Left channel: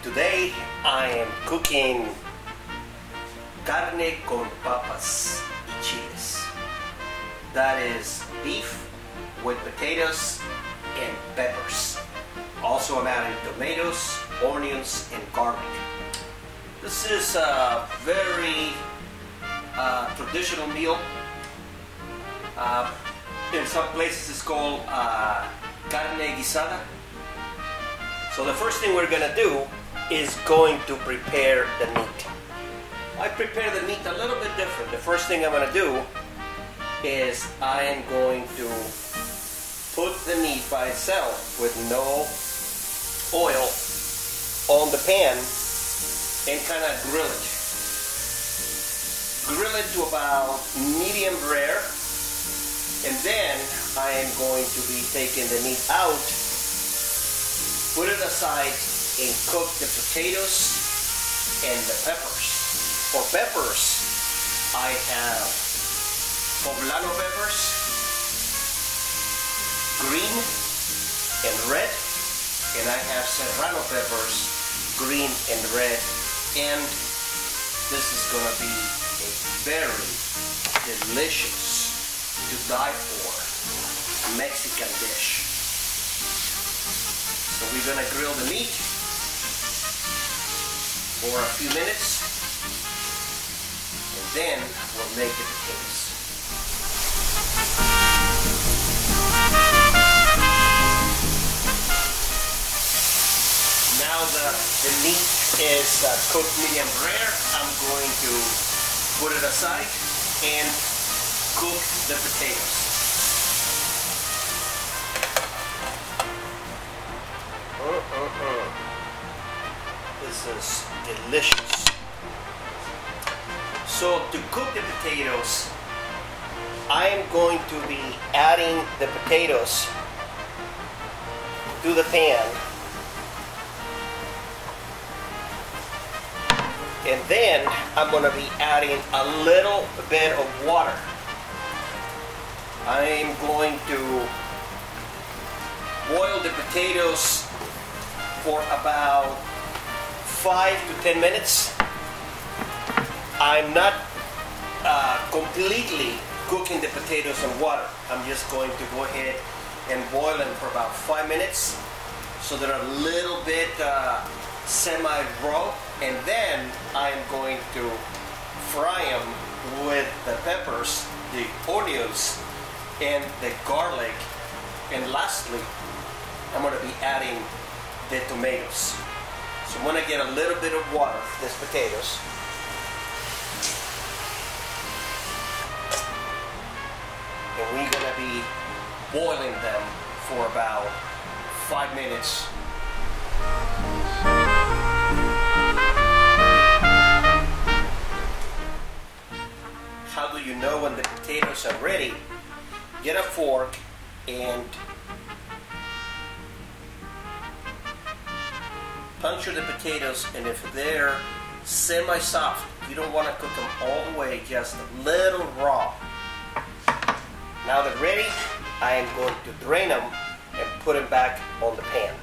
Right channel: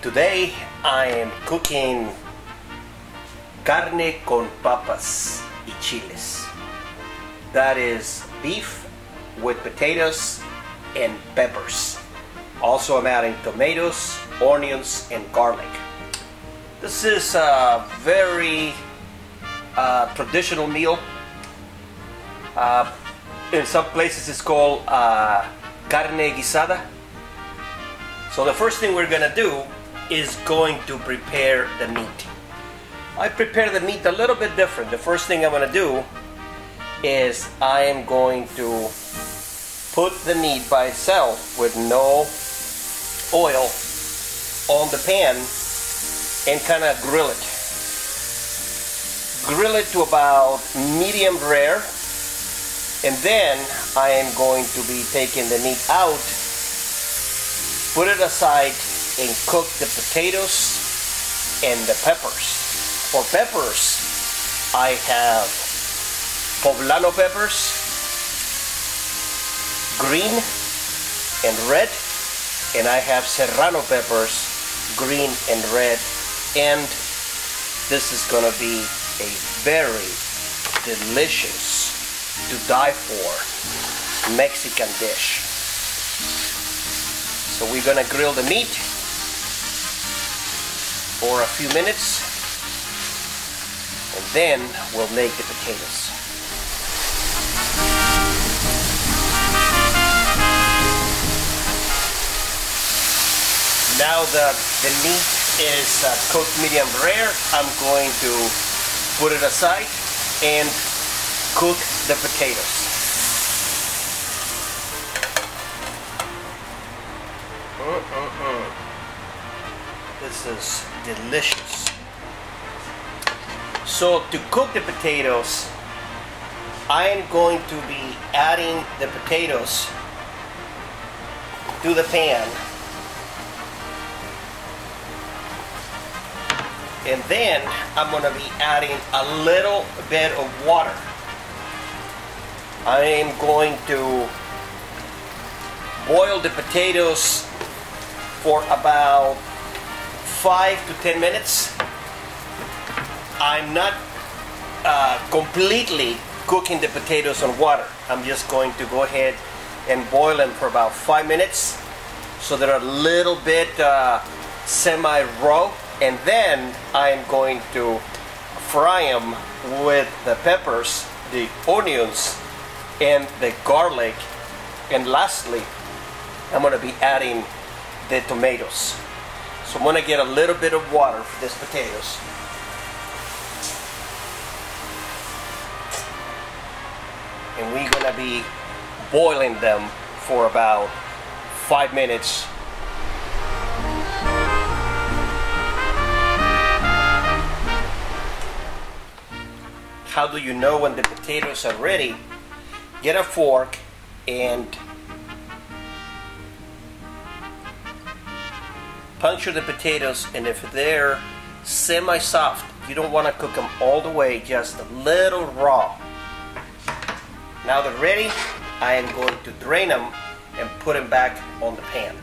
Today I am cooking carne con papas y chiles. That is beef with potatoes and peppers. Also I'm adding tomatoes, onions, and garlic. This is a very traditional meal. In some places it's called carne guisada. So the first thing we're gonna do is going to prepare the meat. I prepare the meat a little bit different. The first thing I'm gonna do is I am going to put the meat by itself with no oil on the pan and kind of grill it. Grill it to about medium rare, and then I am going to be taking the meat out, put it aside, and cook the potatoes and the peppers. For peppers, I have poblano peppers, green and red, and I have serrano peppers, green and red, and this is gonna be a very delicious, to die for, Mexican dish. So we're gonna grill the meat for a few minutes, and then we'll make the potatoes. Now that the meat is cooked medium rare, I'm going to put it aside and cook the potatoes. This is delicious. So to cook the potatoes, I am going to be adding the potatoes to the pan, and then I'm going to be adding a little bit of water. I am going to boil the potatoes for about 5 to 10 minutes. I'm not completely cooking the potatoes on water. I'm just going to go ahead and boil them for about 5 minutes so they're a little bit semi-raw, and then I'm going to fry them with the peppers, the onions, and the garlic, and lastly I'm going to be adding the tomatoes. So I'm going to get a little bit of water for these potatoes. And we're going to be boiling them for about 5 minutes. How do you know when the potatoes are ready? Get a fork and puncture the potatoes, and if they're semi-soft, you don't want to cook them all the way, just a little raw. Now they're ready, I am going to drain them and put them back on the pan.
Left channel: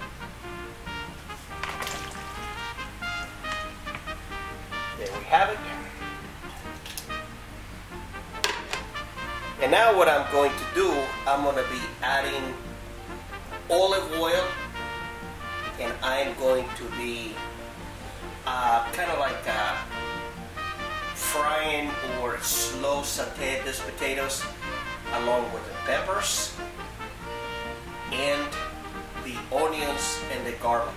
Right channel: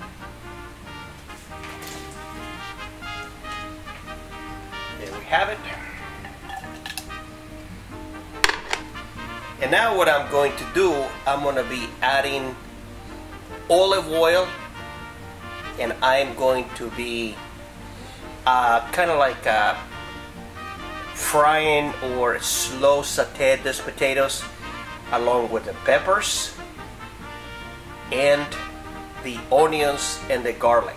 There we have it. And now what I'm going to do, I'm going to be adding olive oil, and I'm going to be kind of like frying or slow sauté these potatoes along with the peppers and the onions and the garlic.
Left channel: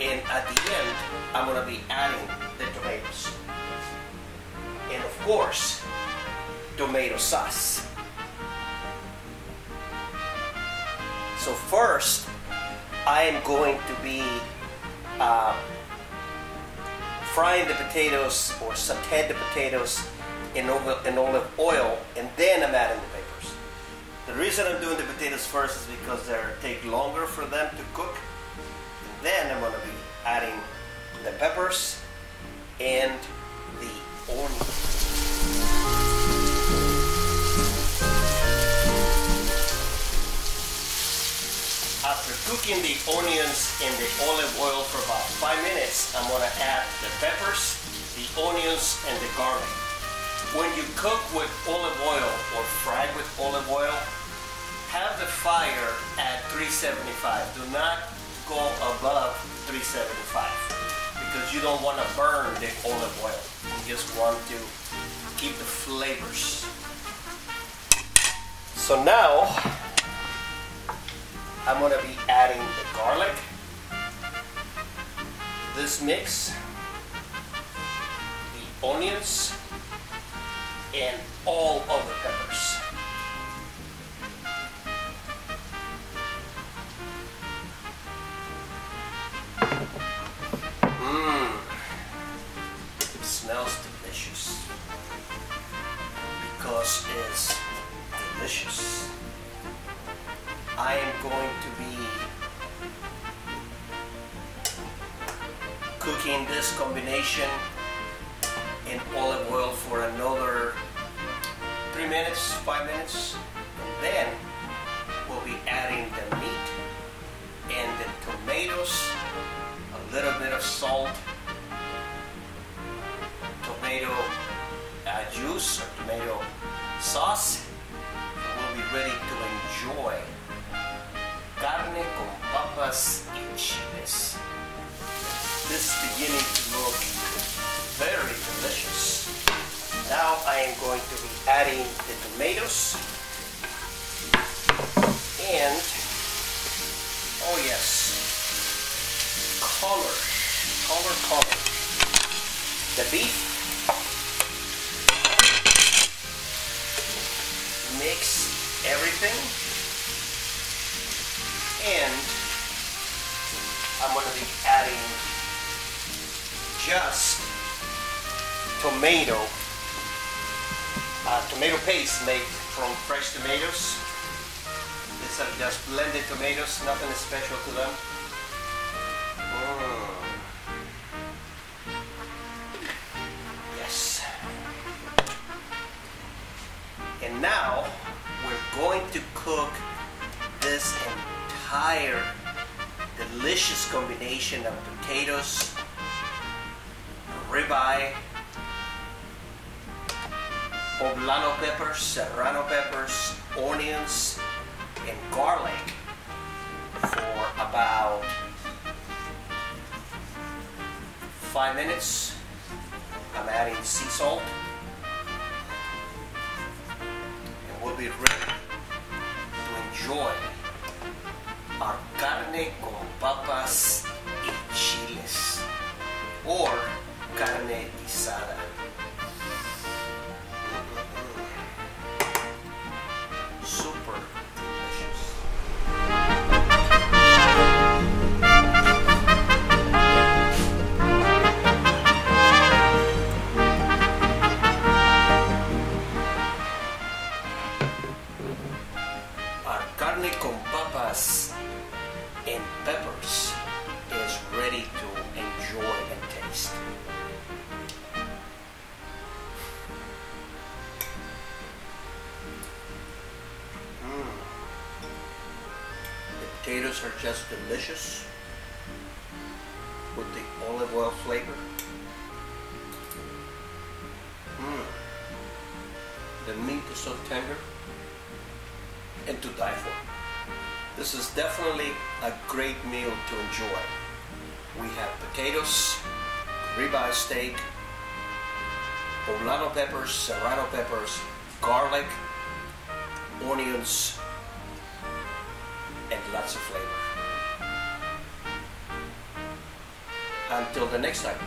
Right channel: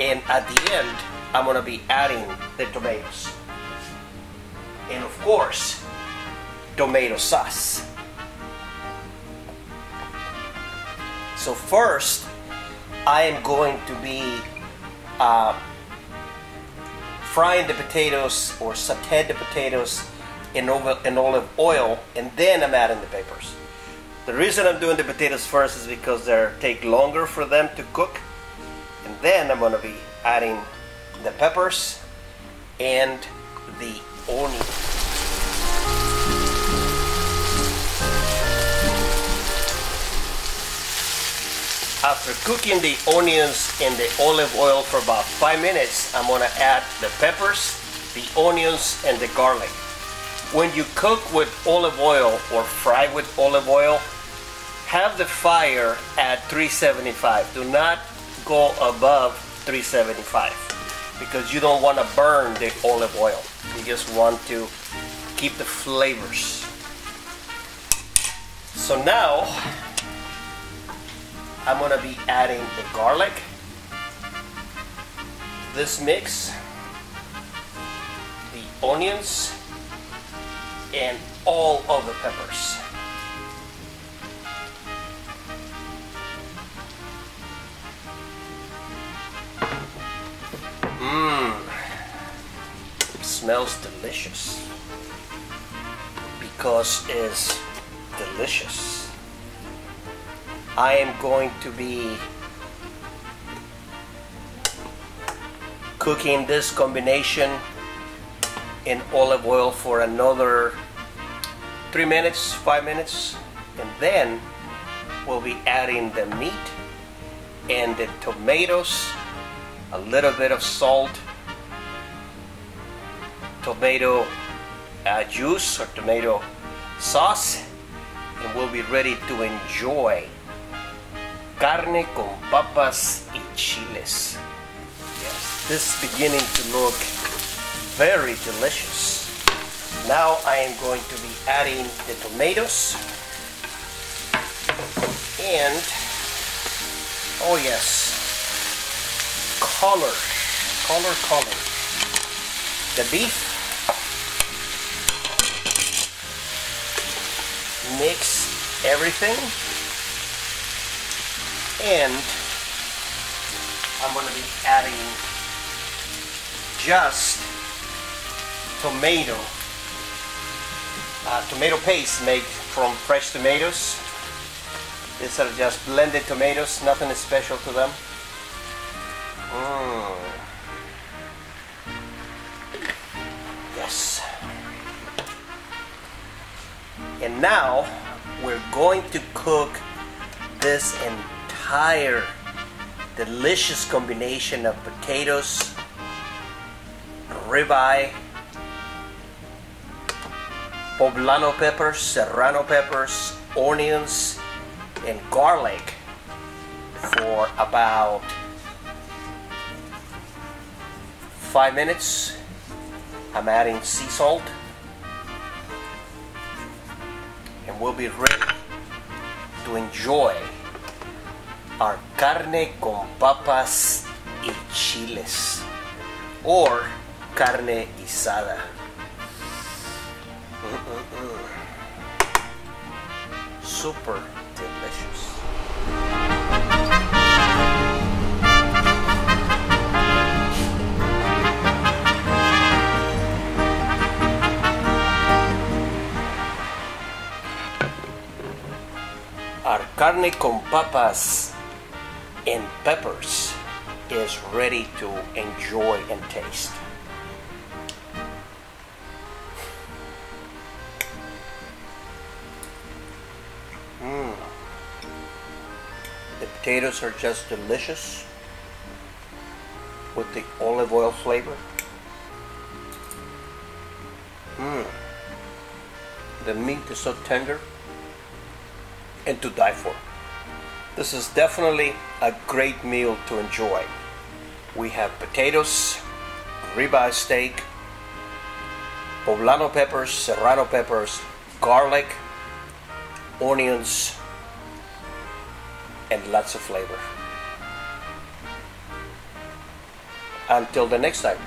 And at the end, I'm going to be adding the tomatoes. And of course, tomato sauce. So first, I am going to be frying the potatoes, or sauté the potatoes in olive oil, and then I'm adding the peppers. The reason I'm doing the potatoes first is because they take longer for them to cook, and then I'm going to be adding the peppers and the onion. After cooking the onions in the olive oil for about 5 minutes, I'm gonna add the peppers, the onions, and the garlic. When you cook with olive oil or fry with olive oil, have the fire at 375. Do not go above 375 because you don't want to burn the olive oil. You just want to keep the flavors. So now I'm going to be adding the garlic, this mix, the onions, and all of the peppers. It smells delicious because it's delicious. I am going to be cooking this combination in olive oil for another 3 minutes, 5 minutes, and then we'll be adding the meat and the tomatoes, a little bit of salt, tomato juice or tomato sauce, and we'll be ready to enjoy carne con papas y chiles. This is beginning to look very delicious. Now I am going to be adding the tomatoes and, oh yes, color. The beef. Mix everything, and I'm going to be adding just tomato paste made from fresh tomatoes. These are just blended tomatoes, nothing special to them. Yes. And now we're going to cook this entire delicious combination of potatoes, ribeye, poblano peppers, serrano peppers, onions, and garlic for about 5 minutes. I'm adding sea salt. And we'll be ready to enjoy our carne con papas y chiles, or carne guisada. Super delicious. Our carne con papas and peppers is ready to enjoy and taste. The potatoes are just delicious with the olive oil flavor. The meat is so tender and to die for. This is definitely a great meal to enjoy. We have potatoes, ribeye steak, poblano peppers, serrano peppers, garlic, onions, and lots of flavor. Until the next time.